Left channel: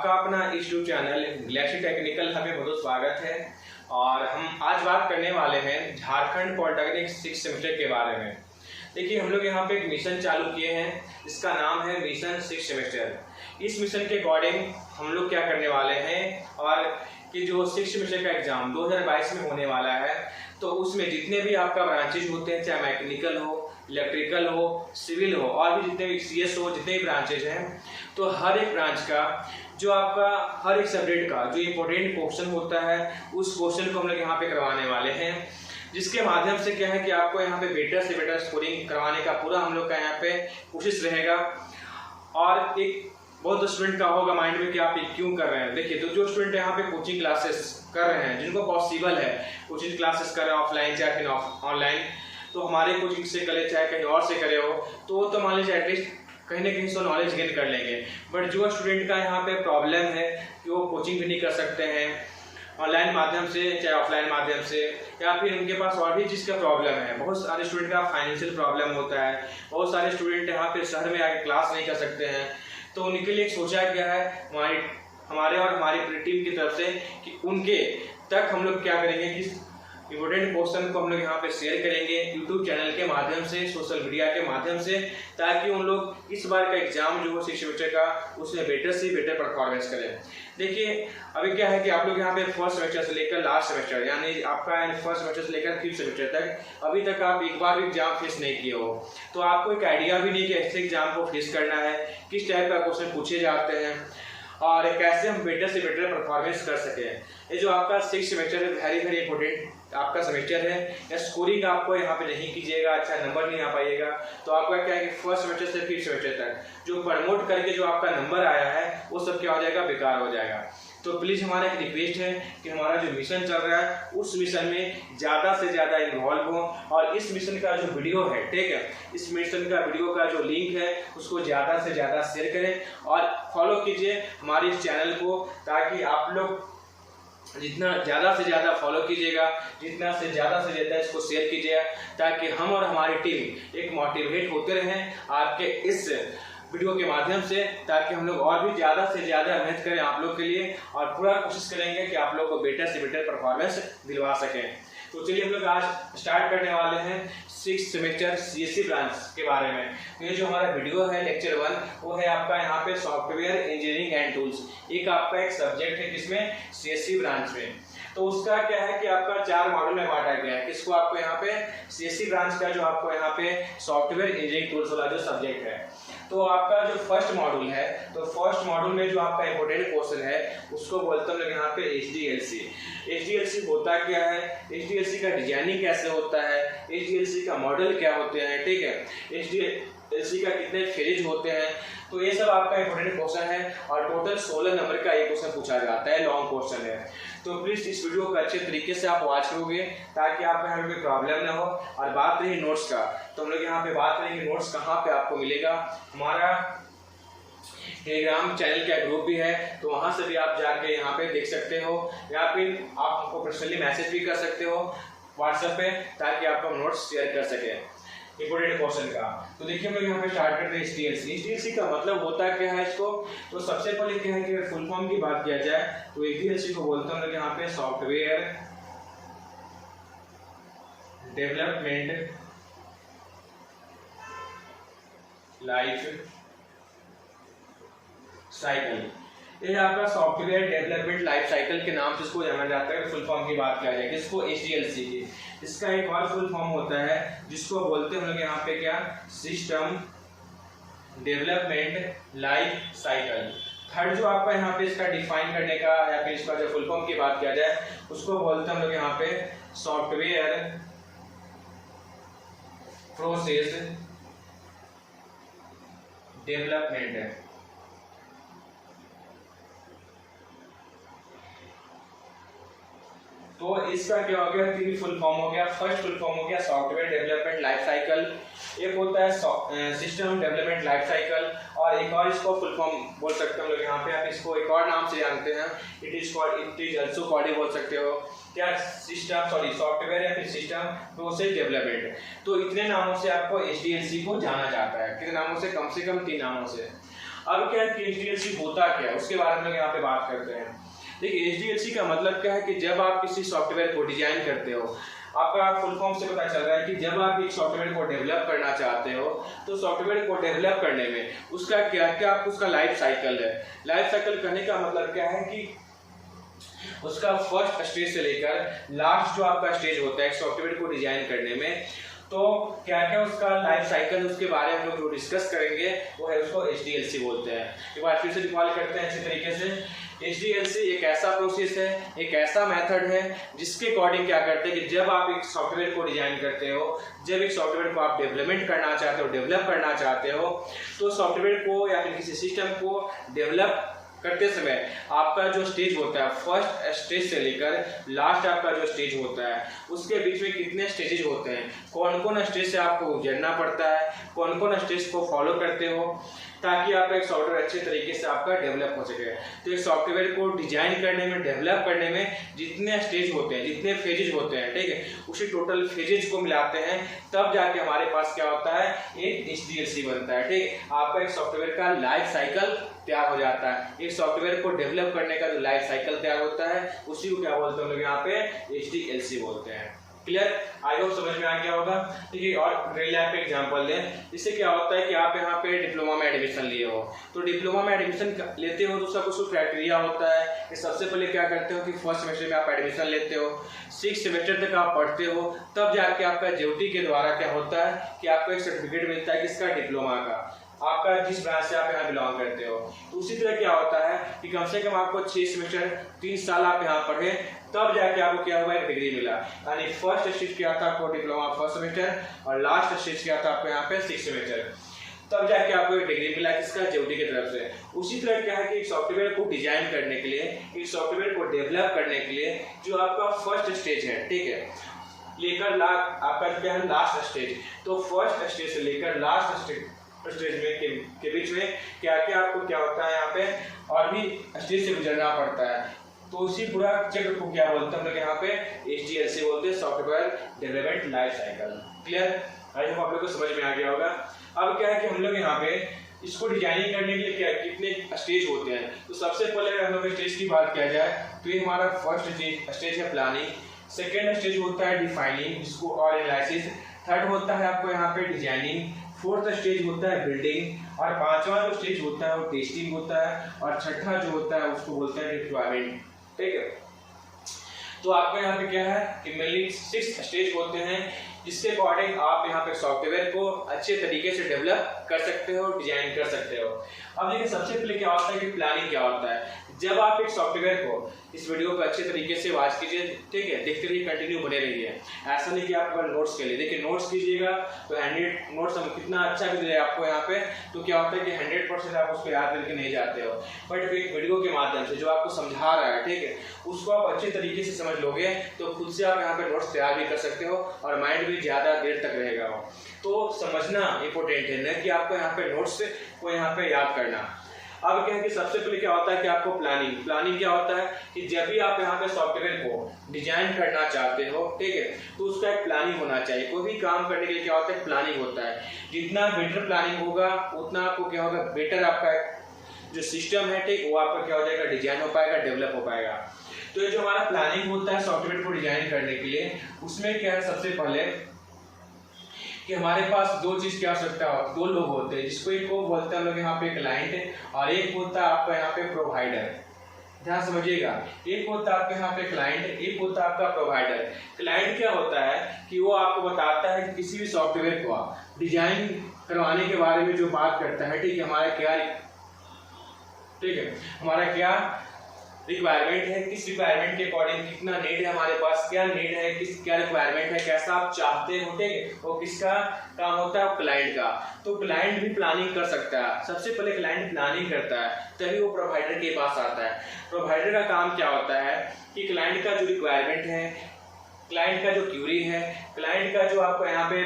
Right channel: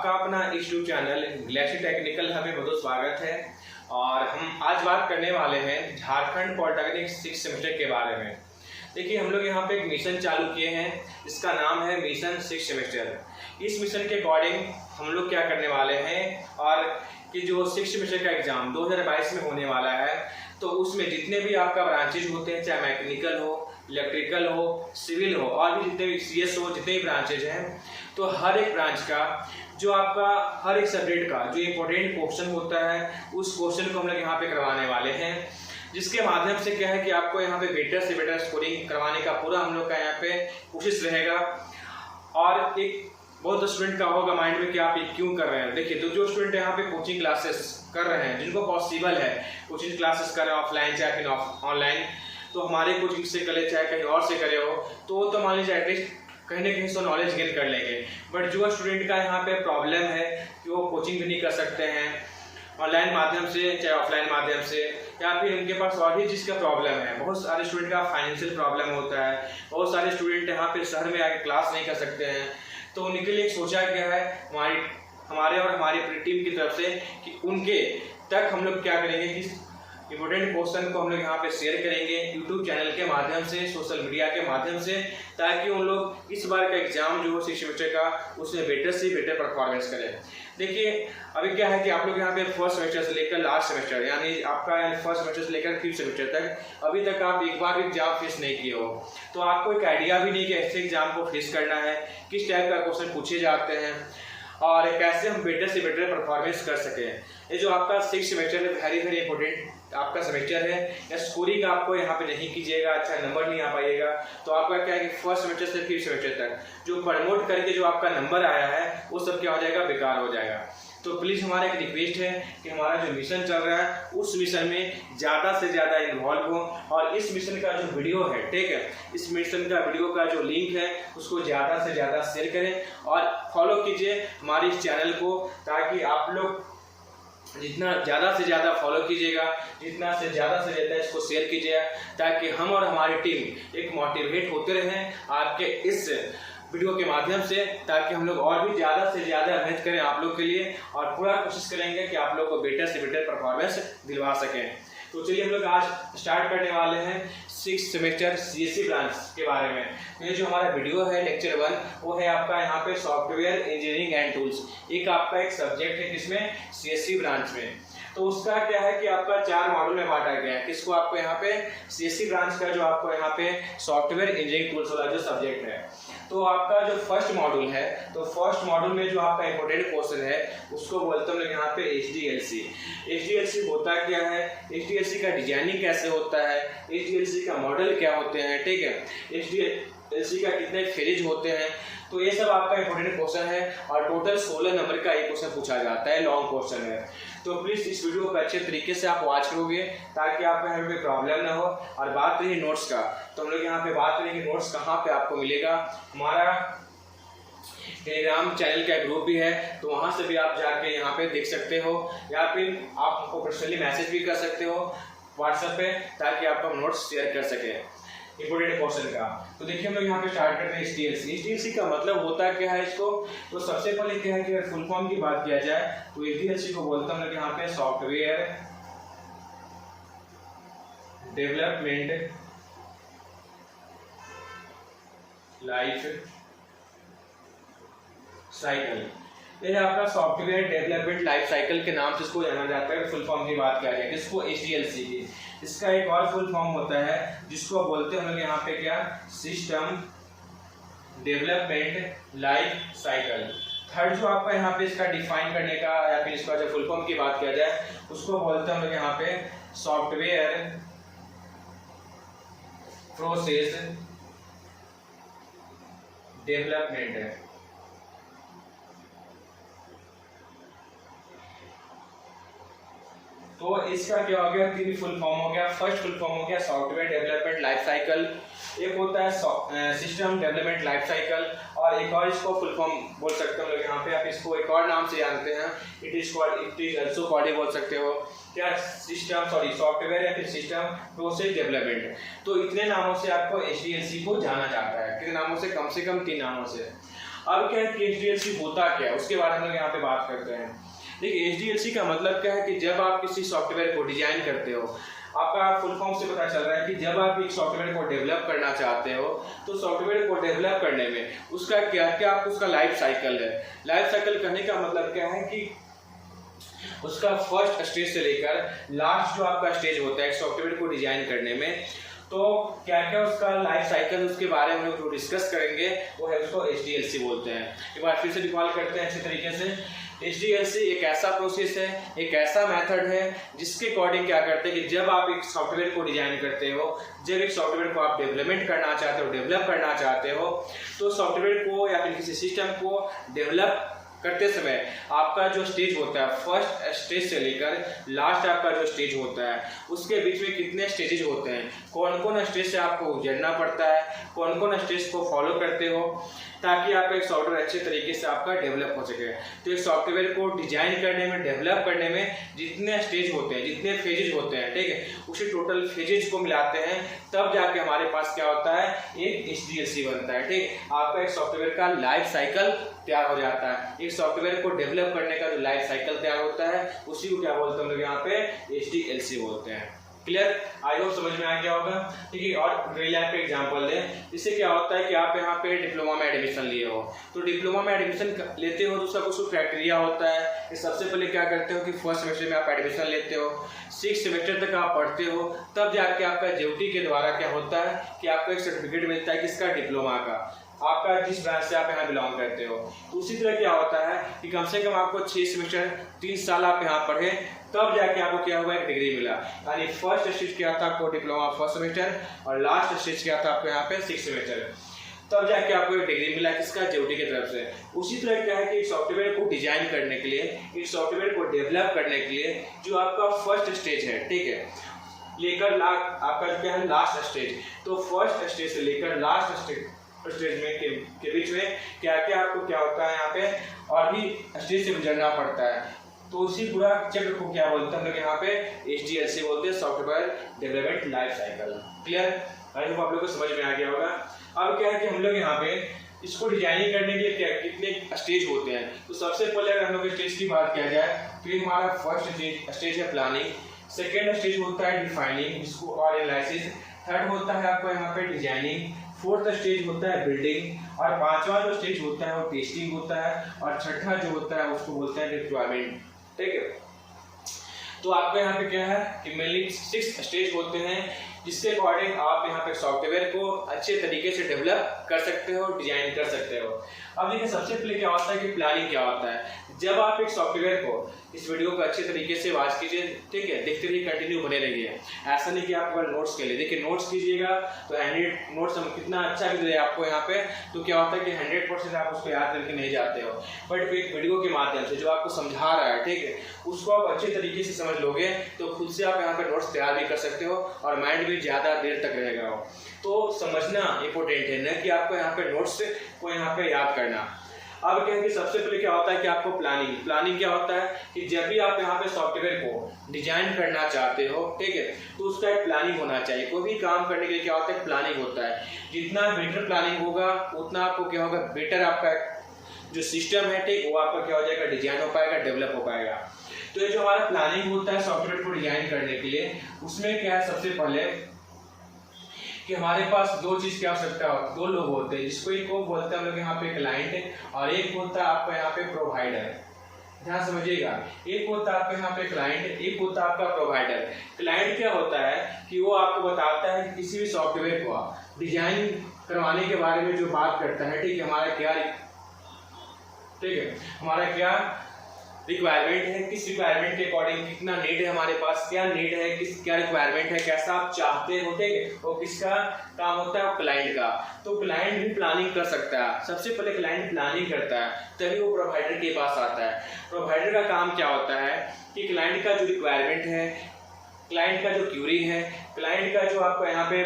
आपका अपना YouTube channel Galaxy technical हमें बहुत स्वागत है। और हम आज बात करने वाले हैं झारखंड पॉलिटेक्निक 6 सेमेस्टर के बारे में। देखिए, हम लोग यहाँ पे एक मिशन चालू किए हैं, इसका नाम है मिशन 6 सेमेस्टर। इस मिशन के अकॉर्डिंग हम लोग क्या करने वाले हैं और कि जो 6 सेमेस्टर का एग्जाम 2022 में होने वाला है, तो उसमें जितने भी आपका ब्रांचेज होते हैं, चाहे मैकेनिकल हो, इलेक्ट्रिकल हो, सिविल हो और भी जितने भी CS हो, जितने भी ब्रांचेज हैं, तो हर एक ब्रांच का जो आपका हर एक सब्जेक्ट का जो इम्पोर्टेंट क्वेश्चन होता है, उस क्वेश्चन को हम लोग यहाँ पे करवाने वाले हैं, जिसके माध्यम से क्या है कि आपको यहाँ पे बेटर से बेटर स्कोरिंग करवाने का पूरा हम लोग का यहाँ पे कोशिश रहेगा। और एक बहुत स्टूडेंट का होगा माइंड में कि आप ये क्यों कर रहे हैं। देखिए, तो जो स्टूडेंट यहाँ पे कोचिंग क्लासेस कर रहे हैं, जिनको पॉसिबल है कोचिंग क्लासेस कर रहे हैं ऑफलाइन चाहे फिर ऑनलाइन, तो हमारे कोचिंग से करे चाहे कहीं और से करे हो, तो तो मान लीजिए एटलीस्ट कहीं ना कहीं से नॉलेज गेन कर लेंगे। बट जो स्टूडेंट का यहाँ पे प्रॉब्लम है कि वो कोचिंग भी नहीं कर सकते हैं ऑनलाइन माध्यम से चाहे ऑफलाइन माध्यम से, या फिर उनके पास और भी चीज़ का प्रॉब्लम है, बहुत सारे स्टूडेंट का फाइनेंशियल प्रॉब्लम होता है, बहुत सारे स्टूडेंट यहाँ पे शहर में आके क्लास नहीं कर सकते हैं, तो उनके लिए सोचा गया है हमारे और हमारी पूरी टीम की तरफ से कि उनके तक हम लोग क्या करेंगे कि इम्पोर्टेंट क्वेश्चन को हम लोग यहाँ पे शेयर करेंगे यूट्यूब चैनल के माध्यम से, सोशल मीडिया के माध्यम से, ताकि उन लोग इस बार का एग्जाम जो हो 6 सेमेस्टर का उसमें बेटर से बेटर परफॉर्मेंस करें। देखिए, अभी क्या है कि आप लोग यहाँ पे फर्स्ट सेमेस्टर से लेकर लास्ट सेमेस्टर यानी आपका फर्स्ट सेमेस्टर से लेकर 5th सेमेस्टर तक अभी तक आप एक बार भी एग्जाम फेस नहीं किए हो, तो आपको एक आइडिया भी नहीं कि ऐसे एग्जाम को फेस करना है, किस टाइप का क्वेश्चन पूछे जाते हैं और कैसे हम बेटर से बेटर परफॉर्मेंस कर सकें। ये जो आपका 6 सेमेस्टर है, वेरी इंपॉर्टेंट आपका सेमेस्टर है। या स्कोरिंग आपको यहाँ पे नहीं कीजिएगा, अच्छा नंबर नहीं आ पाइएगा, तो आपका क्या है कि फर्स्ट सेमेस्टर से 5th सेमेस्टर तक जो प्रमोट करके जो आपका नंबर आया है वो सब क्या हो जाएगा, बेकार हो जाएगा। तो प्लीज़ हमारा एक रिक्वेस्ट है कि हमारा जो मिशन चल रहा है उस मिशन में ज़्यादा से ज़्यादा इन्वॉल्व हो, और इस मिशन का जो वीडियो है, ठीक है, इस मिशन का वीडियो का जो लिंक है उसको ज़्यादा से ज़्यादा शेयर करें और फॉलो कीजिए हमारे इस चैनल को, ताकि आप लोग जितना ज़्यादा से ज़्यादा फॉलो कीजिएगा, जितना से ज़्यादा इसको शेयर कीजिएगा, ताकि हम और हमारी टीम एक मोटिवेट होते रहें आपके इस वीडियो के माध्यम से, ताकि हम लोग और भी ज़्यादा से ज़्यादा मेहनत करें आप लोग के लिए और पूरा कोशिश करेंगे कि आप लोग को बेटर से बेटर परफॉर्मेंस दिलवा सकें। तो चलिए हम लोग आज स्टार्ट करने वाले हैं 6th सेमेस्टर CSE ब्रांच के बारे में। तो ये जो हमारा वीडियो है लेक्चर 1 वो है आपका यहाँ पे सॉफ्टवेयर इंजीनियरिंग एंड टूल्स, एक आपका एक सब्जेक्ट है किसमें, CSE ब्रांच में। तो उसका क्या है कि आपका 4 मॉड्यूल में बांटा गया है। किसको आपको यहाँ पे CSE ब्रांच का जो आपको यहाँ पे सॉफ्टवेयर इंजीनियरिंग टूल्स वाला जो सब्जेक्ट है, तो आपका जो फर्स्ट मॉड्यूल है, तो फर्स्ट मॉड्यूल में जो आपका इंपॉर्टेंट क्वेश्चन है उसको बोलते हैं यहाँ पे HDLC। HDLC होता क्या है, HDLC का डिजाइनिंग कैसे होता है, HDLC का मॉडल क्या होते हैं, ठीक है, HDLC का कितने फेज होते हैं, तो ये सब आपका इंपॉर्टेंट क्वेश्चन है और टोटल 16 नंबर का ये क्वेश्चन पूछा जाता है, लॉन्ग क्वेश्चन है। तो प्लीज़ इस वीडियो को अच्छे तरीके से आप वॉच करोगे ताकि आपको यहाँ कोई प्रॉब्लम ना हो। और बात रही नोट्स का, तो हम लोग यहाँ पे बात करेंगे नोट्स कहाँ पे आपको मिलेगा। हमारा टेलीग्राम चैनल का ग्रुप भी है, तो वहाँ से भी आप जाके यहाँ पे देख सकते हो, या फिर आप हमको पर्सनली मैसेज भी कर सकते हो व्हाट्सएप पे, ताकि आप हम नोट्स शेयर कर सकें इंपोर्टेंट क्वेश्चन का। तो देखिए हम लोग यहाँ पे स्टार्ट करते हैं HDLC का मतलब होता क्या है इसको। तो सबसे पहले क्या है कि फुल फॉर्म की बात किया जाए तो HDLC को बोलते हैं यहाँ पे सॉफ्टवेयर डेवलपमेंट लाइफ साइकिल। ये आपका सॉफ्टवेयर डेवलपमेंट लाइफ साइकिल के नाम से इसको जाना जाता है। फुल फॉर्म की बात किया जाए इसको HDLC की, इसका एक और फुल फॉर्म होता है जिसको बोलते हैं हम लोग यहाँ पे क्या, system development life cycle. Third जो आपका यहाँ पे इसका डिफाइन करने का या फिर इसका जो फुल फॉर्म की बात किया जाए उसको बोलते हैं हम लोग यहाँ पे सॉफ्टवेयर प्रोसेस डेवलपमेंट। तो इसका क्या हो गया, 3 फुल फॉर्म हो गया। फर्स्ट फुल फॉर्म हो गया सॉफ्टवेयर डेवलपमेंट लाइफ साइकिल, एक होता है सिस्टम डेवलपमेंट लाइफ साइकिल, और एक और इसको फुल फॉर्म बोल सकते हो यहाँ पे, आप इसको एक और नाम से जानते हैं, इट इज ऑल्सो कॉल्ड बोल सकते हो क्या, सॉफ्टवेयर या फिर सिस्टम प्रोसेस डेवलपमेंट। तो इतने नामों से आपको HDLC को जाना जाता है। कितने नामों से, कम 3 नामों से। अब क्या है कि HDLC होता क्या है उसके बारे में यहाँ पे बात करते हैं। देखिए HDLC का मतलब क्या है कि जब आप किसी सॉफ्टवेयर को डिजाइन करते हो, आपका फुल फॉर्म से पता चल रहा है कि जब आप एक सॉफ्टवेयर को डेवलप करना चाहते हो तो सॉफ्टवेयर को डेवलप करने में उसका क्या क्या उसका लाइफ साइकिल है। लाइफ साइकिल कहने का मतलब क्या है कि उसका फर्स्ट स्टेज से लेकर लास्ट जो आपका स्टेज होता है सॉफ्टवेयर को डिजाइन करने में, तो क्या क्या उसका लाइफ साइकिल उसके बारे में हम लोग जो डिस्कस करेंगे वो है उसको HDLC बोलते हैं। एक बार फिर से डिफाइन करते हैं अच्छे तरीके से। HDLC एक ऐसा प्रोसेस है, एक ऐसा मेथड है जिसके अकॉर्डिंग क्या करते हैं कि जब आप एक सॉफ्टवेयर को डिजाइन करते हो, जब एक सॉफ्टवेयर को आप डेवलपमेंट करना चाहते हो, डेवलप करना चाहते हो, तो सॉफ्टवेयर को या फिर किसी सिस्टम को डेवलप करते समय आपका जो स्टेज होता है फर्स्ट स्टेज से लेकर लास्ट आपका जो स्टेज होता है उसके बीच में कितने स्टेजेज होते हैं, कौन कौन स्टेज से आपको गुजरना पड़ता है, कौन कौन स्टेज को फॉलो करते हो ताकि आपका एक सॉफ्टवेयर अच्छे तरीके से आपका डेवलप हो सके। तो एक सॉफ्टवेयर को डिजाइन करने में, डेवलप करने में जितने स्टेज होते हैं, जितने फेजेज होते हैं, ठीक है, उसी टोटल फेजेज को मिलाते हैं तब जाके हमारे पास क्या होता है, एक HDLC बनता है। ठीक, आपका एक सॉफ्टवेयर का लाइफ साइकिल तैयार हो जाता है। एक सॉफ्टवेयर को डेवलप करने का जो लाइफ साइकिल तैयार होता है उसी को क्या बोलते हैं हम लोग यहाँ पे HDLC बोलते हैं। क्लियर, आई होप समझ में आ गया होगा। ठीक है, और रियल लाइफ का एग्जांपल लें। इससे क्या होता है कि आप यहाँ पे डिप्लोमा में एडमिशन लिए हो, तो डिप्लोमा में एडमिशन लेते हो तो उसका कुछ क्राइटेरिया होता है कि सबसे पहले क्या करते हो कि फर्स्ट सेमेस्टर में आप एडमिशन लेते हो, 6 सेमेस्टर तक आप पढ़ते हो, तब जाके आपका JUT के द्वारा क्या होता है कि आपको एक सर्टिफिकेट मिलता है किसका, डिप्लोमा का, आपका जिस ब्रांच से आप यहाँ बिलोंग करते हो। उसी तरह क्या होता है कि कम से कम आपको 6 सेमेस्टर 3 साल आप यहाँ पढ़े तब जाके आपको क्या हुआ, एक डिग्री मिला। यानी फर्स्ट स्टेज क्या था आपको डिप्लोमा फर्स्ट सेमेस्टर और लास्ट स्टेज क्या था आपको यहाँ पे 6 सेमेस्टर, तब जाके आपको एक डिग्री मिला किसका, JUT की तरफ से। उसी तरह क्या है कि एक सॉफ्टवेयर को डिजाइन करने के लिए, एक सॉफ्टवेयर को डेवलप करने के लिए जो आपका फर्स्ट स्टेज है, ठीक है, लेकर आपका क्या है लास्ट स्टेज, तो फर्स्ट स्टेज से लेकर लास्ट स्टेज में के बीच में क्या क्या आपको क्या होता है यहाँ पे और भी स्टेज से गुजरना पड़ता है। तो उसी पूरा चक्र को क्या बोलते हैं हम लोग यहाँ पे HDLC बोलते हैं, software development life cycle. Clear, I hope आप लोगों को समझ में आ गया होगा। अब क्या है कि हम लोग यहाँ पे इसको डिजाइनिंग करने के लिए क्या कितने स्टेज होते हैं, तो सबसे पहले अगर हम लोग स्टेज की बात किया जाए तो ये हमारा फर्स्ट स्टेज है प्लानिंग, सेकेंड स्टेज होता है डिफाइनिंग जिसको और एनालिसिस, थर्ड होता है आपको यहाँ पे डिजाइनिंग, फोर्थ स्टेज होता है बिल्डिंग और पांचवा जो स्टेज होता है वो टेस्टिंग होता है और छठा जो होता है उसको बोलते हैं डिप्लॉयमेंट। ठीक है, तो आपको यहाँ पे क्या है कि मेनली 6 स्टेज होते हैं जिसके अकॉर्डिंग आप यहाँ पे सॉफ्टवेयर को अच्छे तरीके से डेवलप कर सकते हो, डिजाइन कर सकते हो। अब देखिए सबसे पहले क्या होता है कि प्लानिंग क्या होता है। जब आप एक सॉफ्टवेयर को, इस वीडियो को अच्छे तरीके से वॉच कीजिए, ठीक है, देखते रहिए, कंटिन्यू बने रहिए। ऐसा नहीं कि आप नोट्स के लिए, देखिए नोट्स कीजिएगा तो 100 नोट्स हम कितना अच्छा भी दे आपको यहाँ पे, तो क्या होता है कि 100% आप उसको याद करके नहीं जाते हो, बट एक वीडियो के माध्यम से जो आपको समझा रहा है, ठीक है, उसको आप अच्छे तरीके से समझ लोगे तो खुद से आप यहाँ पे नोट्स तैयार भी कर सकते हो और माइंड भी ज्यादा देर तक रहेगा। तो समझना इंपॉर्टेंट है ना कि आपको यहाँ पे नोट्स को यहाँ पे याद करना। अब क्या है कि सबसे पहले क्या होता है कि आपको प्लानिंग क्या होता है कि जब भी आप यहाँ पे सॉफ्टवेयर को डिजाइन करना चाहते हो, ठीक है, तो उसका एक प्लानिंग होना चाहिए। कोई भी काम करने के लिए क्या होता है, प्लानिंग होता है। जितना बेटर प्लानिंग होगा उतना आपको क्या होगा, बेटर आपका जो सिस्टम है, ठीक, वो आपका क्या हो जाएगा, डिजाइन हो पाएगा, डेवलप हो पाएगा। तो ये जो हमारा प्लानिंग होता है सॉफ्टवेयर को डिजाइन करने के लिए, उसमें क्या है सबसे पहले कि हमारे पास 2 चीज की आवश्यकता होती है, 2 लोग होते हैं, जिसको एक को बोलते हैं हम लोग यहाँ पे क्लाइंट और एक होता है आपका यहाँ पे प्रोवाइडर। ध्यान समझिएगा, एक होता है आपका यहाँ पे क्लाइंट, एक होता है आपका प्रोवाइडर। क्लाइंट क्या होता है कि वो आपको बताता है कि किसी भी सॉफ्टवेयर को डिजाइन करवाने के बारे में जो बात करता है, ठीक है, हमारा क्या रिक्वायरमेंट है, किस रिक्वायरमेंट के अकॉर्डिंग कितना नीड है, हमारे पास क्या नीड है, क्या रिक्वायरमेंट है, कैसा आप चाहते हो, ठीक है, वो किसका काम होता है, क्लाइंट का। तो क्लाइंट भी प्लानिंग कर सकता है। सबसे पहले क्लाइंट प्लानिंग करता है तभी वो प्रोवाइडर के पास आता है। प्रोवाइडर का काम क्या होता है कि क्लाइंट का जो रिक्वायरमेंट है, क्लाइंट का जो क्यूरी है, क्लाइंट का जो आपको यहाँ पे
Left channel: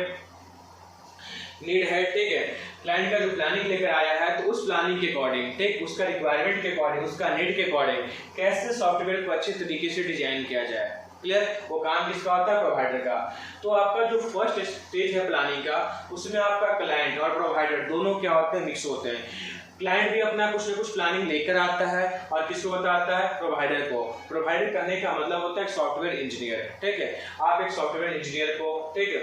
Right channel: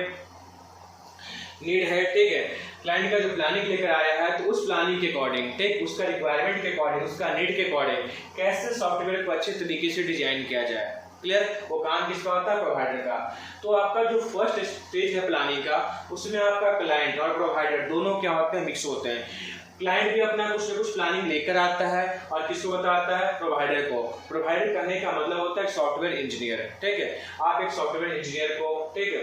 नीड है, ठीक है, क्लाइंट का जो प्लानिंग लेकर आया है तो उस प्लानिंग के अकॉर्डिंग, ठीक, उसका रिक्वायरमेंट के अकॉर्डिंग, उसका नीड के अकॉर्डिंग कैसे सॉफ्टवेयर को अच्छे तरीके से डिजाइन किया जाए। क्लियर, वो काम किसका होता है, प्रोवाइडर का। तो आपका जो फर्स्ट स्टेज है प्लानिंग का, उसमें आपका क्लाइंट और प्रोवाइडर दोनों क्या होते हैं, मिक्स होते हैं। क्लाइंट भी अपना कुछ ना कुछ प्लानिंग लेकर आता है और किसको बताता है, प्रोवाइडर को। प्रोवाइडर करने का मतलब होता है सॉफ्टवेयर इंजीनियर, ठीक है। आप एक सॉफ्टवेयर इंजीनियर को, ठीक है,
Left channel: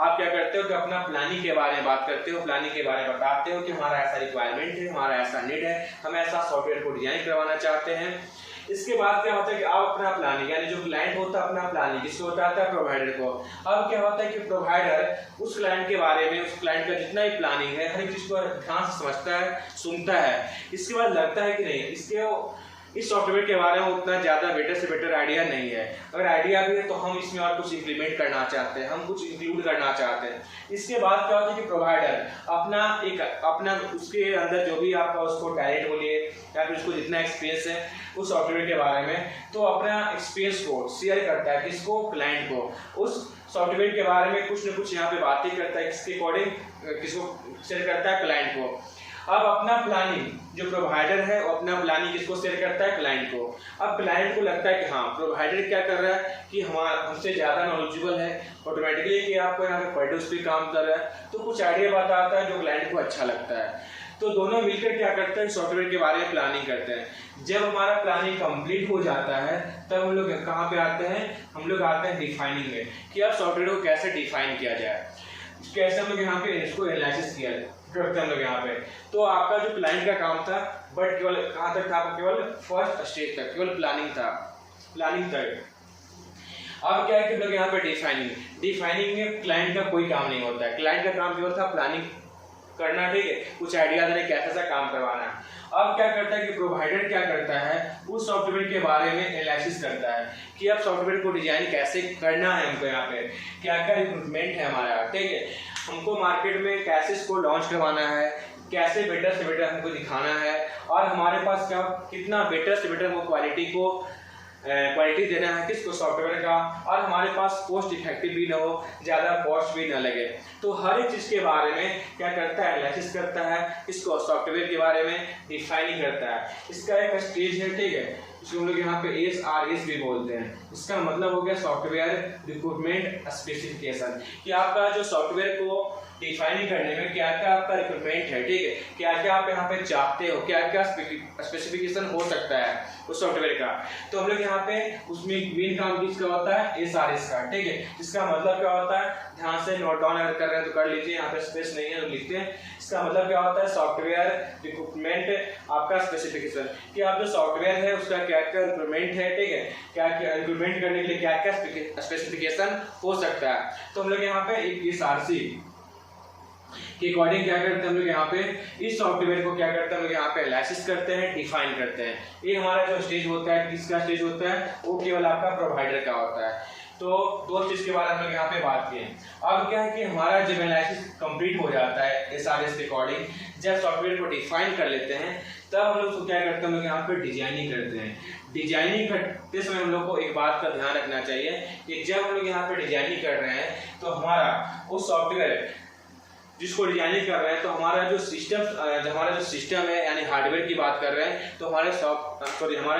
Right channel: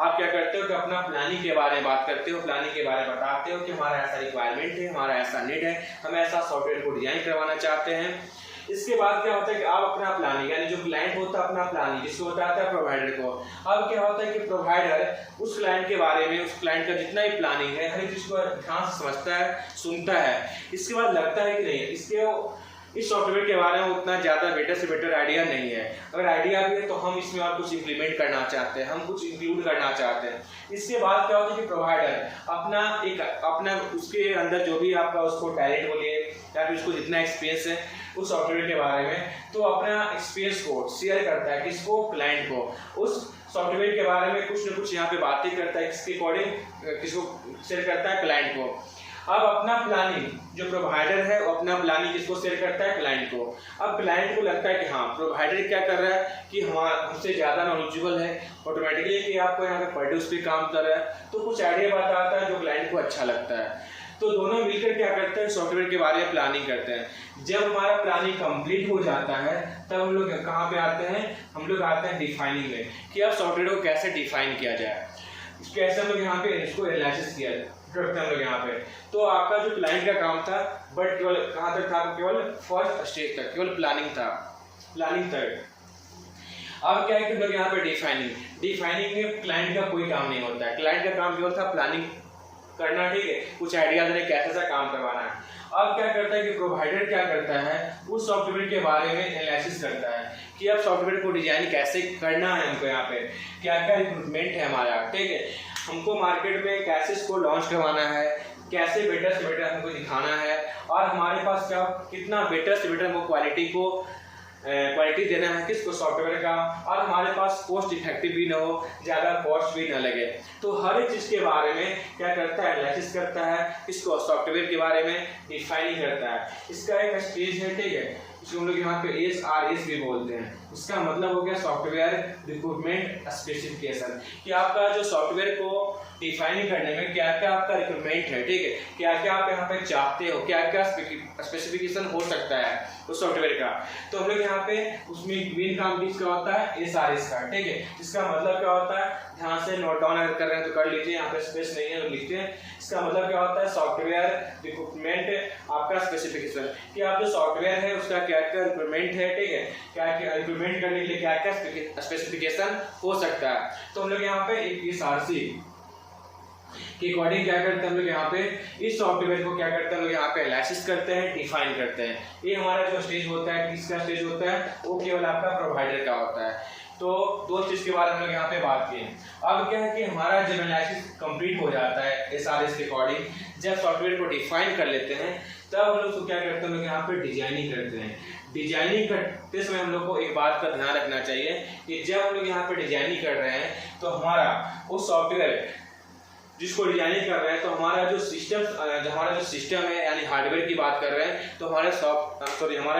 आप क्या करते हो कि अपना प्लानिंग के बारे में बात करते हो, प्लानिंग के बारे में बताते हो कि हमारा ऐसा रिक्वायरमेंट है, हमारा ऐसा नीड है, हम ऐसा सॉफ्टवेयर को डिजाइन करवाना चाहते हैं। इसके बाद क्या होता है कि आप अपना प्लानिंग, यानी जो क्लाइंट होता है अपना प्लानिंग किसको बताता है, प्रोवाइडर को। अब क्या होता है कि प्रोवाइडर उस क्लाइंट के बारे में, उस क्लाइंट का जितना भी प्लानिंग है, हर एक चीज को ध्यान से समझता है, सुनता है। इसके बाद लगता है कि नहीं, इस सॉफ्टवेयर के बारे में उतना ज़्यादा बेटर से बेटर आइडिया नहीं है। अगर आइडिया भी है तो हम इसमें और कुछ इंप्लीमेंट करना चाहते हैं, हम कुछ इंक्लूड करना चाहते हैं। इसके बाद क्या होता है कि प्रोवाइडर अपना उसके अंदर जो भी आपका उसको टैलेंट बोलिए या फिर उसको जितना एक्सपीरियंस है उस सॉफ्टवेयर के बारे में, तो अपना एक्सपीरियंस को शेयर करता है किसको, क्लाइंट को। उस सॉफ्टवेयर के बारे में कुछ न कुछ यहाँ पे बातें करता है, इसके अकॉर्डिंग किसको शेयर करता है, क्लाइंट को। अब अपना प्लानिंग, जो प्रोवाइडर है वो अपना प्लानिंग किसको शेयर करता है, क्लाइंट को। अब क्लाइंट को लगता है कि हाँ प्रोवाइडर क्या कर रहा है कि हमसे ज़्यादा नॉलेजेबल है, ऑटोमेटिकली कि आपको यहाँ पे पर डे उस पर काम कर रहा है, तो कुछ आइडिया बताता है जो क्लाइंट को अच्छा लगता है। तो दोनों मिलकर क्या करते हैं, सॉफ्टवेयर के बारे में प्लानिंग करते हैं। जब हमारा प्लानिंग कंप्लीट हो जाता है तब हम लोग कहाँ पे आते हैं, हम लोग आते हैं डिफाइनिंग में, कि अब सॉफ्टवेयर को कैसे डिफाइन किया जाए, कैसे हम लोग यहाँ पे इसको एनालिसिस किया करते हैं हम लोग यहाँ पे। तो आपका जो क्लाइंट का काम था, बट केवल कहाँ तक था, केवल फर्स्ट स्टेज तक, केवल प्लानिंग तक। अब क्या है कि लोग यहाँ पे डिफाइनिंग में क्लाइंट का कोई काम नहीं होता है, क्लाइंट का काम केवल था प्लानिंग करना, ठीक है, कुछ आइडिया देने कैसा काम करवाना है। अब क्या करता है कि प्रोवाइडर क्या करता है, उस सॉफ्टवेयर के बारे में एनालिसिस करता है कि अब सॉफ्टवेयर को डिजाइन कैसे करना है, हमको यहाँ पे क्या क्या रिक्रूटमेंट है हमारा, ठीक है, हमको मार्केट में कैसे इसको लॉन्च करवाना है, कैसे बेटर से बेटर हमको दिखाना है, और हमारे पास क्या कितना बेटर से बेटर हमको क्वालिटी देना है किसको, सॉफ्टवेयर का, और हमारे पास कॉस्ट इफेक्टिव भी ना हो, ज़्यादा कॉस्ट भी ना लगे। तो हर एक चीज़ के बारे में क्या करता है, एनालिसिस करता है, इसको सॉफ्टवेयर के बारे में डिफाइनिंग करता है। इसका एक स्टेज है, ठीक है, इसको हम लोग यहाँ पे SRS भी बोलते हैं। उसका मतलब हो गया सॉफ्टवेयर रिक्रूटमेंट स्पेसिफिकेशन, कि आपका जो सॉफ्टवेयर को डिफाइन करने में क्या क्या आपका रिक्रूटमेंट है, ठीक है, क्या क्या आप यहाँ पे चाहते हो, क्या क्या स्पेसिफिकेशन हो सकता है उस सॉफ्टवेयर का। तो हम लोग यहाँ पे उसमें मेन काम किसका होता है, SRS का, ठीक है। इसका मतलब क्या होता है, ध्यान से नोट डाउन अगर कर रहे हैं तो कर लीजिए, यहाँ पे स्पेस नहीं है तो लिखते हैं। इसका मतलब क्या होता है, सॉफ्टवेयर रिक्रूटमेंट आपका स्पेसिफिकेशन, कि आप जो सॉफ्टवेयर है उसका क्या क्या रिक्रूटमेंट है, ठीक है, क्या क्या रिक्रूटमेंट करने के लिए क्या क्या स्पेसिफिकेशन हो सकता है। तो हम लोग यहाँ पे एक SRC के अकॉर्डिंग क्या करते हैं, हम लोग यहाँ पे इस सॉफ्टवेयर को क्या करते हैं, हम लोग यहाँ पे एनालिसिस करते हैं, डिफाइन करते हैं। ये हमारा जो स्टेज होता है, किसका स्टेज होता है, वो केवल आपका प्रोवाइडर का होता है। तो दो चीज के बारे में हम लोग यहाँ पे बात किए। अब क्या है कि हमारा जब एनालिसिस कंप्लीट हो जाता है SRS के अकॉर्डिंग, जब सॉफ्टवेयर को डिफाइन कर लेते हैं, तब हम लोग क्या करते हैं, हम लोग यहाँ पे डिजाइनिंग करते हैं। डिजाइनिंग करते समय हम लोग को एक बात का ध्यान रखना चाहिए कि जब हम लोग यहाँ पे डिजाइनिंग कर रहे हैं तो हमारा वो सॉफ्टवेयर जिसको डिजाइनिंग कर रहे हैं, तो हमारा जो सिस्टम है, यानी हार्डवेयर की बात कर रहे हैं, तो हमारा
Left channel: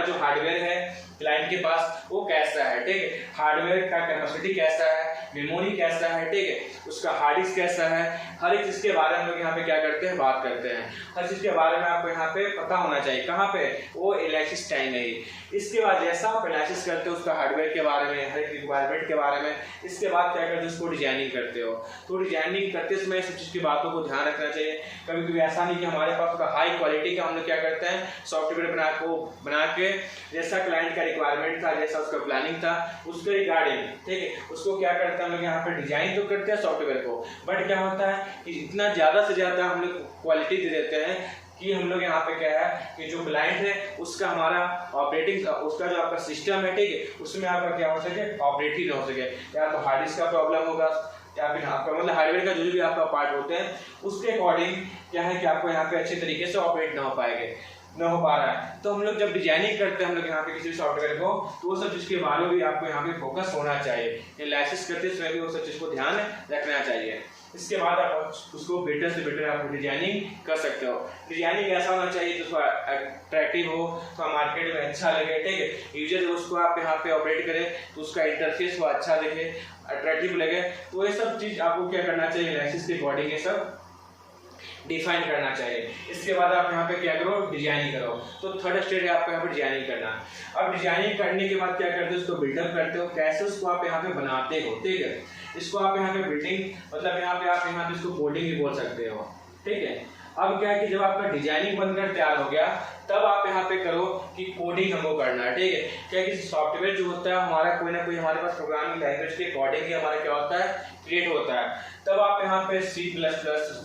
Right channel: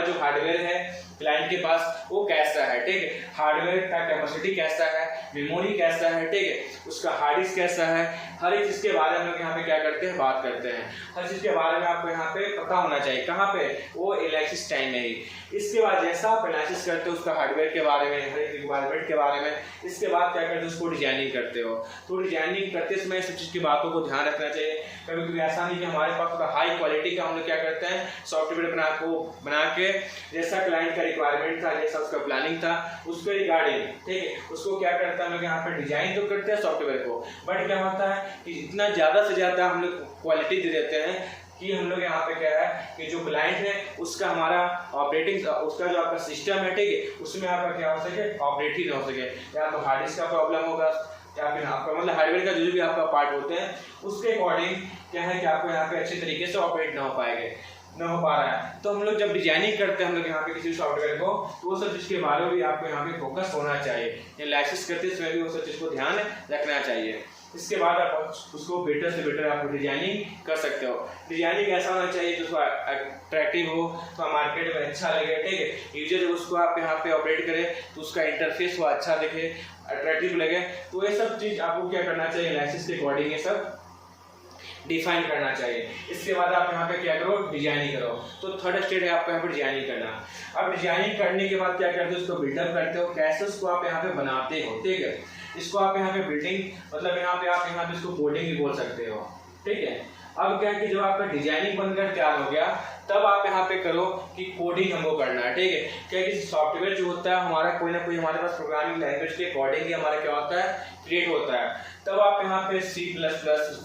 जो हार्डवेयर है क्लाइंट के पास वो कैसा है, ठीक है, हार्डवेयर का कैपेसिटी कैसा है, मेमोरी कैसा है, ठीक है, उसका हार्ड डिस्क कैसा है, हर एक चीज के बारे में हम लोग यहाँ पे क्या करते हैं, बात करते हैं। हर चीज के बारे में आपको यहाँ पे पता होना चाहिए, कहाँ पे, वो एनालिसिस टाइम में ही। इसके बाद जैसा आप एनालिसिस करते हो उसका हार्डवेयर के बारे में, हर एक रिक्वायरमेंट के बारे में, इसके बाद क्या करते हो, उसको डिजाइनिंग करते हो। तो डिजाइनिंग करते समय सब चीज की बातों को ध्यान रखना चाहिए। कभी कभी ऐसा नहीं कि हमारे पास थोड़ा हाई क्वालिटी का हम लोग क्या करते हैं, सॉफ्टवेयर बना के जैसा क्लाइंट का रिक्वायरमेंट था, जैसा उसका प्लानिंग था, उसके रिगार्डिंग, ठीक है, उसको क्या करते हैं हम लोग यहाँ पे डिजाइन तो करते हैं सॉफ्टवेयर को, बट क्या होता है कि इतना ज्यादा से ज्यादा हम लोग क्वालिटी दे देते हैं कि हम लोग यहाँ पे क्या है कि जो क्लाइंट है उसका हमारा उसका जो आपका सिस्टम है, ठीक है, उसमें आपका क्या हो सके, ऑपरेट ही ना हो सके, या तो हार्ड डिस्क का प्रॉब्लम होगा, या फिर आपका मतलब हार्डवेयर का जो भी आपका पार्ट होते हैं उसके अकॉर्डिंग क्या है कि आपको यहाँ पे अच्छे तरीके से ऑपरेट ना हो पा रहा है। तो हम लोग जब डिजाइनिंग करते हैं हम लोग यहाँ पे किसी सॉफ्टवेयर को, तो वो सब चीज़ के बारे में भी आपको यहाँ पे फोकस होना चाहिए, एनालिसिस करते समय भी वो सब चीज़ को ध्यान रखना चाहिए। इसके बाद आप उसको बेटर से बेटर आप डिजाइनिंग कर सकते हो। डिजाइनिंग ऐसा होना चाहिए जो अट्रैक्टिव हो, तो मार्केट में अच्छा लगे, ठीक है, यूजर उसको आप यहाँ पे ऑपरेट करे तो उसका इंटरफेस वो अच्छा दिखे, अट्रैक्टिव लगे। तो ये सब चीज़ आपको क्या करना चाहिए, एनालिसिस के अकॉर्डिंग ये सब डिफाइन करना चाहिए। इसके बाद आप यहाँ पे क्या करो, डिजाइनिंग करो। तो थर्ड स्टेज है आपको यहाँ पे डिजाइनिंग करना। अब डिजाइनिंग करने के बाद क्या करते हो, उसको बिल्डअप करते हो, कैसे उसको आप यहाँ पे बनाते हो, ठीक है। इसको आप यहाँ पे बिल्डिंग मतलब यहाँ पे आप यहाँ पे इसको कोडिंग भी बोल सकते हो, ठीक है। अब क्या है कि जब आपका डिजाइनिंग बनकर तैयार हो गया तब आप यहाँ पे करो कि कोडिंग हमको करना है, ठीक है। क्या है कि सॉफ्टवेयर जो होता है हमारा कोई ना कोई हमारे पास प्रोग्रामिंग लैंग्वेज के अकॉर्डिंग ही हमारा क्या होता है, क्रिएट होता है। तब आप यहाँ पे C++,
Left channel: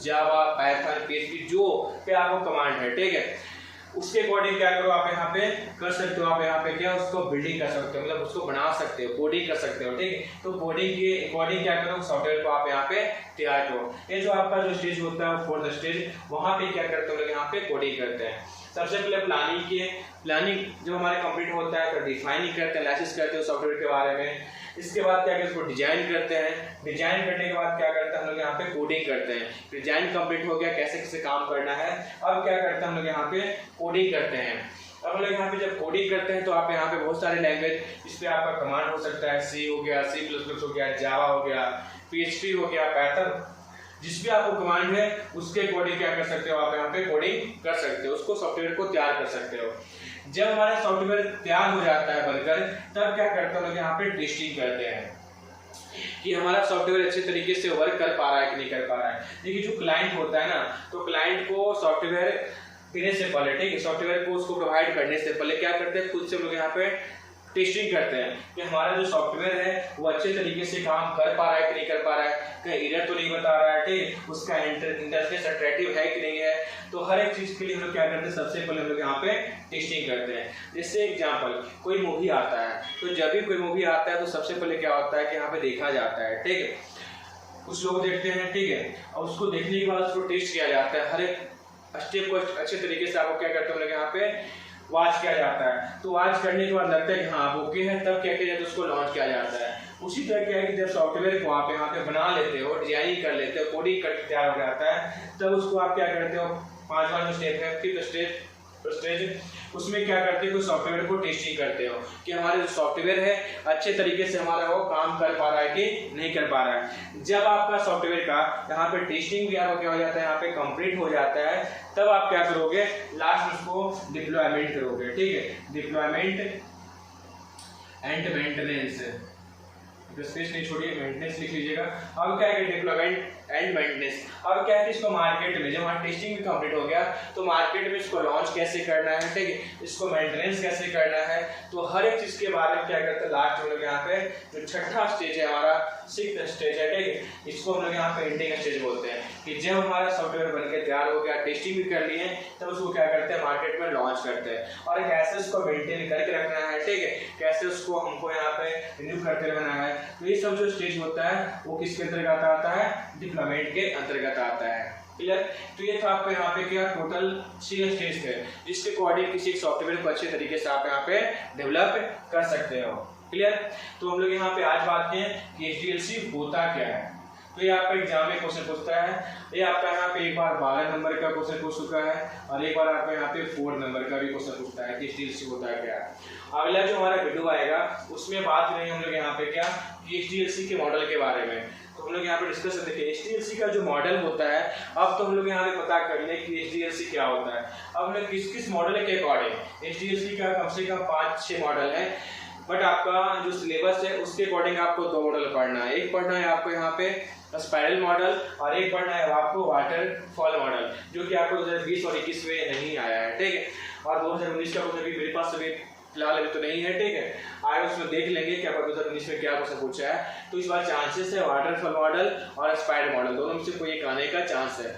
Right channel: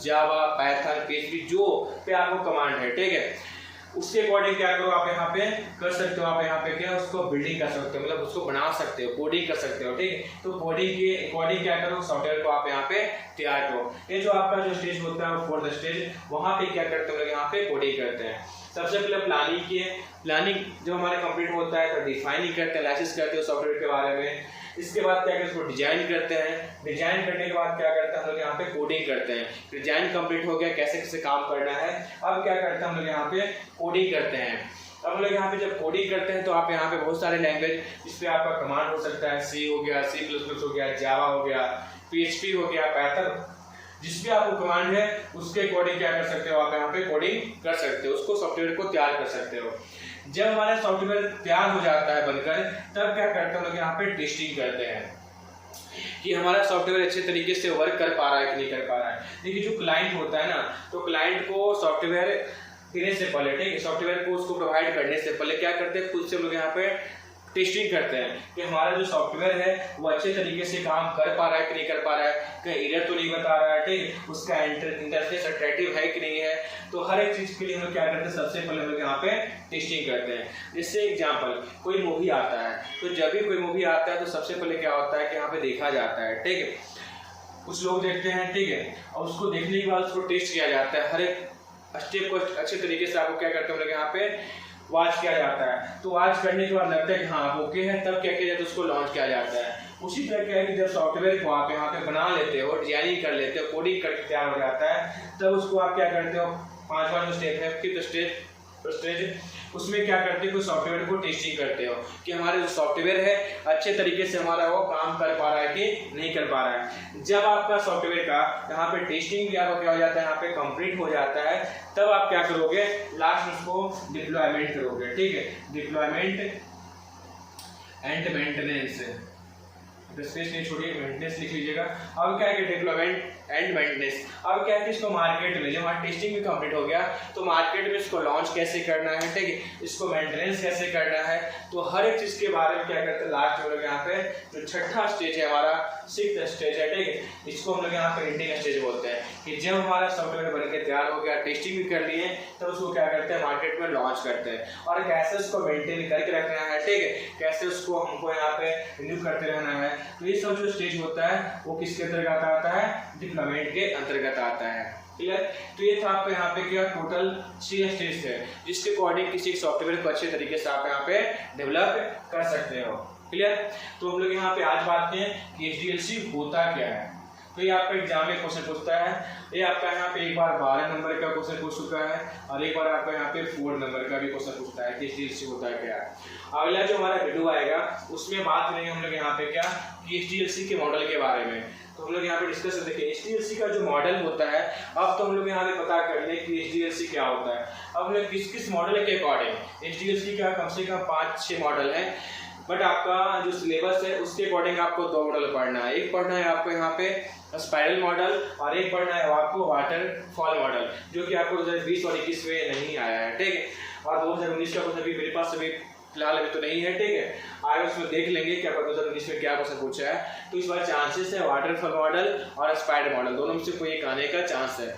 जावा, पाइथन, PHP जो पे आपको कमांड है, ठीक है, उसके अकॉर्डिंग क्या करो आप यहाँ पे कर सकते हो। आप यहाँ पे क्या उसको बिल्डिंग कर सकते हो, मतलब उसको बना सकते हो, कोडिंग कर सकते हो, ठीक है। तो कोडिंग के अकॉर्डिंग क्या करो, सॉफ्टवेयर को आप यहाँ पे तैयार करो। ये जो आपका जो स्टेज होता है वो फोर्थ स्टेज, वहाँ पे क्या करते हो, यहाँ पे कोडिंग करते हैं। सबसे पहले प्लानिंग की, प्लानिंग जब हमारे कंप्लीट होता है तो डिफाइन ही करते हैं, एनालिसिस करते हैं सॉफ्टवेयर के बारे में। इसके बाद क्या करते हैं, उसको डिजाइन करते हैं। डिजाइन करने के बाद क्या करते हैं, हम लोग यहाँ पे कोडिंग करते हैं। डिजाइन कंप्लीट हो गया, कैसे कैसे काम करना है, अब क्या करते हैं हम लोग यहाँ पे कोडिंग करते हैं। अब हम लोग यहाँ पे जब कोडिंग करते हैं तो आप यहाँ पे बहुत सारे लैंग्वेज, इस पे आपका कमांड हो सकता है, C हो गया, C++ हो गया, जावा हो गया, PHP हो गया, पाइथन, जिस भी आपको कमांड है उसके अकॉर्डिंग क्या कर सकते हो, आप यहाँ पे कोडिंग कर सकते हो, उसको सॉफ्टवेयर को तैयार कर सकते हो। जब हमारा सॉफ्टवेयर तैयार हो जाता है बनकर, तब क्या करते हैं लोग यहाँ पे टेस्टिंग करते हैं कि हमारा सॉफ्टवेयर अच्छे तरीके से वर्क कर पा रहा है कि नहीं कर पा रहा है। देखिए जो क्लाइंट होता है ना, तो क्लाइंट को सॉफ्टवेयर देने से पहले, ठीक है, सॉफ्टवेयर को उसको प्रोवाइड करने से पहले क्या करते हैं, खुद से लोग यहाँ पे टेस्टिंग करते हैं कि हमारा जो सॉफ्टवेयर है वो अच्छे तरीके से काम कर पा रहा है कि नहीं कर पा रहा है, कहीं एरर तो नहीं बता रहा है, ठीक, उसका इंटरफेस अट्रैक्टिव है कि नहीं है। तो हर एक चीज के लिए हम लोग क्या करते हैं, सबसे पहले हम लोग यहाँ पे टेस्टिंग करते हैं। जैसे एग्जांपल, कोई मूवी आता है, तो जब भी कोई मूवी आता है तो सबसे पहले क्या होता है कि यहाँ पे देखा जाता है, ठीक है, कुछ लोग देखते हैं, ठीक है, और उसको देखने के बाद उसको टेस्ट किया जाता है। हर एक स्टेप को अच्छे तरीके से आपको क्या करते हैं यहाँ पे वॉच किया जाता है। तो वॉच करने के बाद लगता है कि हाँ आप ओके है, तब क्या किया जाता है, उसको लॉन्च किया जाता है। उसी तरह क्या है कि जब सॉफ्टवेयर को आप यहाँ पे बना लेते हो, डिजाइनिंग कर लेते हो, कोडिंग करके तैयार हो जाता है, तब उसको आप क्या करते हो, 5वां जो स्टेप है, फिफ्थ स्टेज, उसमें क्या करते हो, सॉफ्टवेयर को टेस्टिंग करते हो कि हमारा जो सॉफ्टवेयर है अच्छे तरीके से हमारा वो काम कर पा रहा है कि नहीं कर पा रहा है। जब आपका सॉफ्टवेयर का यहाँ पे टेस्टिंग भी आपका क्या हो जाता है, यहाँ पे कंप्लीट हो जाता है, तब आप क्या करोगे, लास्ट उसको डिप्लॉयमेंट करोगे, ठीक है, डिप्लॉयमेंट एंड मेंटेनेंस, स्पेस नहीं छोड़िए, मेंटेनेंस लिख लीजिएगा। अब क्या है, डिप्लॉयमेंट एंड मेंटेनेंस। अब क्या है कि इसको मार्केट में, जब हमारा टेस्टिंग भी कंप्लीट हो गया तो मार्केट में इसको लॉन्च कैसे करना है, ठीक है, इसको मेंटेनेंस कैसे करना है, तो हर एक चीज के बारे में क्या करते हैं लास्ट में लोग यहाँ पे जो छठा स्टेज है हमारा, सिक्स्थ स्टेज है, ठीक है, इसको हम लोग यहाँ पे एंडिंग स्टेज बोलते हैं कि जब हमारा सॉफ्टवेयर बनकर तैयार हो गया, टेस्टिंग भी कर लिए, तब उसको क्या करते हैं, मार्केट में लॉन्च करते हैं। और कैसे उसको मेंटेन करके रखना है, ठीक है, कैसे उसको हमको यहाँ पे रिन्यू करते रहना है। तो ये सब जो स्टेज होता है वो किसके अंतर्गत आता है, डिप्लॉयमेंट के अंतर्गत आता है, क्लियर। तो ये था आपको यहाँ पे क्या टोटल 6 स्टेज थे, जिसके अकॉर्डिंग किसी सॉफ्टवेयर को अच्छे तरीके से आप यहाँ पे डेवलप कर सकते हो, क्लियर। तो हम लोग यहाँ पे आज बात करें कि HDLC होता क्या है। तो ये आपका एग्जाम में क्वेश्चन पूछता है, ये आपका यहाँ पे एक बार 12 नंबर का क्वेश्चन पूछ चुका है और एक बार आपका यहाँ पे 4 नंबर का भी क्वेश्चन पूछता है कि HDLC होता है क्या। अगला जो हमारा वीडियो आएगा उसमें बात करेंगे हम लोग यहाँ पे क्या कि HDLC के मॉडल के बारे में। तो हम लोग यहाँ पे डिस्कस देखिए HDLC का जो मॉडल होता है, अब तो हम लोग यहाँ पे पता कर लें कि HDLC क्या होता है। अब हम लोग किस किस मॉडल के अकॉर्डिंग, HDLC का कम से कम 5-6 मॉडल है, बट आपका जो सिलेबस है उसके अकॉर्डिंग आपको 2 मॉडल पढ़ना है। एक पढ़ना है आपको यहाँ पे स्पाइरल मॉडल और एक पढ़ना है आपको वाटरफॉल मॉडल, जो कि आपको 2020 और 21 में नहीं आया है, ठीक है, और 2019 का क्वेश्चन भी मेरे पास अभी फिलहाल अभी तो नहीं है, ठीक है, आगे उसमें देख लेंगे कि आपका 2019 में क्या क्वेश्चन पूछा है। तो इस बार चांसेस है वाटरफॉल मॉडल और स्पाइरल मॉडल दोनों में से कोई एक आने का चांस है।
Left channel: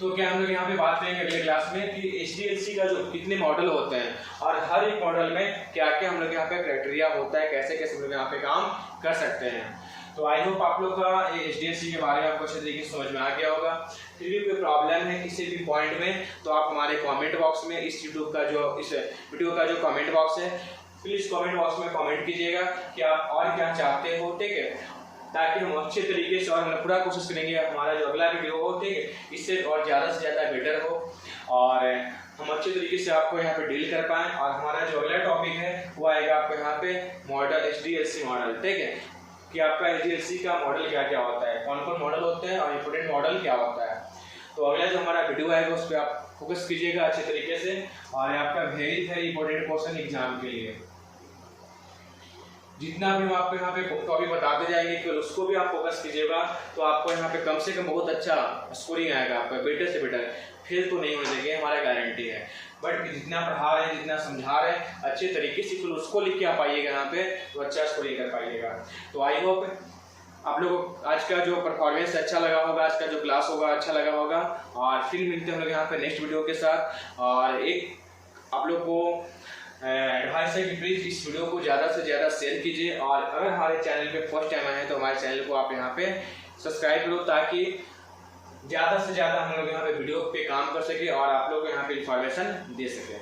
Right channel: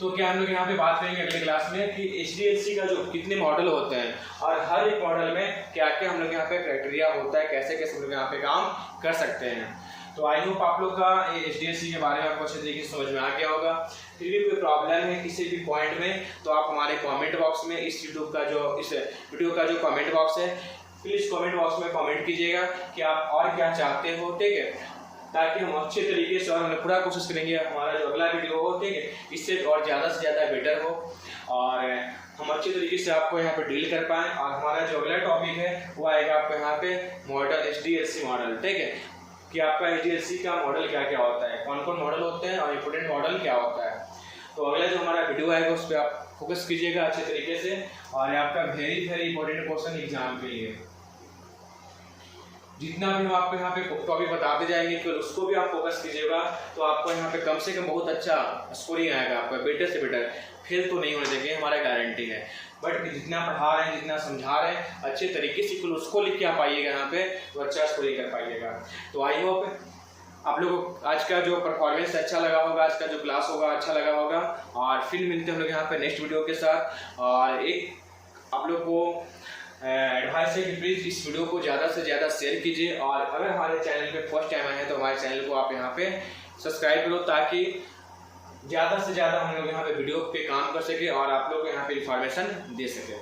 तो क्या हम लोग यहाँ पे बात करेंगे अगले क्लास में कि HDLC का जो कितने मॉडल होते हैं और हर एक मॉडल में क्या क्या हम लोग यहाँ पे क्राइटेरिया होता है, कैसे कैसे हम लोग यहाँ पे काम कर सकते हैं। तो आई होप आप लोग का HDLC के बारे में आपको अच्छे तरीके से समझ में आ गया होगा। फिर भी कोई प्रॉब्लम है किसी भी पॉइंट में तो आप हमारे कमेंट बॉक्स में इस यूट्यूब का जो इस वीडियो का जो कमेंट बॉक्स है प्लीज़ कमेंट बॉक्स में कमेंट कीजिएगा कि आप और क्या चाहते हो, ठीक है, ताकि हम अच्छे तरीके से और हम पूरा कोशिश करेंगे हमारा जो अगला वीडियो हो, ठीक है, इससे और ज़्यादा से ज़्यादा बेटर हो और हम अच्छे तरीके से आपको यहाँ पे डील कर पाएँ। और हमारा जो अगला टॉपिक है वो आएगा आपको यहाँ पे मॉडल HDLC मॉडल, ठीक है, कि आपका HDLC का मॉडल क्या क्या होता है, कौन कौन मॉडल होते हैं और इंपोर्टेंट मॉडल क्या होता है। तो अगला जो हमारा वीडियो आएगा उस पर आप फोकस कीजिएगा अच्छे तरीके से, और आपका वेरी इंपॉर्टेंट क्वेश्चन एग्जाम के लिए जितना भी हम आपको यहाँ पे टॉपिक बताते जाएंगे कि उसको भी आप फोकस कीजिएगा, तो आपको यहाँ पे कम से कम बहुत अच्छा स्कोरिंग आएगा, आपका बेटर से बेटर। फेल तो नहीं हो जाएंगे, हमारा गारंटी है। बट जितना पढ़ा रहे हैं, जितना समझा रहे हैं, अच्छे तरीके से फिर उसको लिख के आ पाइएगा यहाँ पे, तो अच्छा स्कोरिंग कर पाइएगा। तो आई होप आप लोगों को आज का जो परफॉर्मेंस अच्छा लगा होगा, आज का जो क्लास होगा अच्छा लगा होगा। और फिर मिलते हैं हम लोग यहाँ पे नेक्स्ट वीडियो के साथ। और एक आप लोग को एडवाइस है कि प्लीज़ इस वीडियो को ज़्यादा से ज़्यादा शेयर कीजिए, और अगर हमारे चैनल पे फर्स्ट टाइम आए हैं तो हमारे चैनल को आप यहाँ पे सब्सक्राइब करो, ताकि ज़्यादा से ज़्यादा हम लोग यहाँ पे वीडियो पे काम कर सके और आप लोग को यहाँ पे इंफॉर्मेशन दे सकें।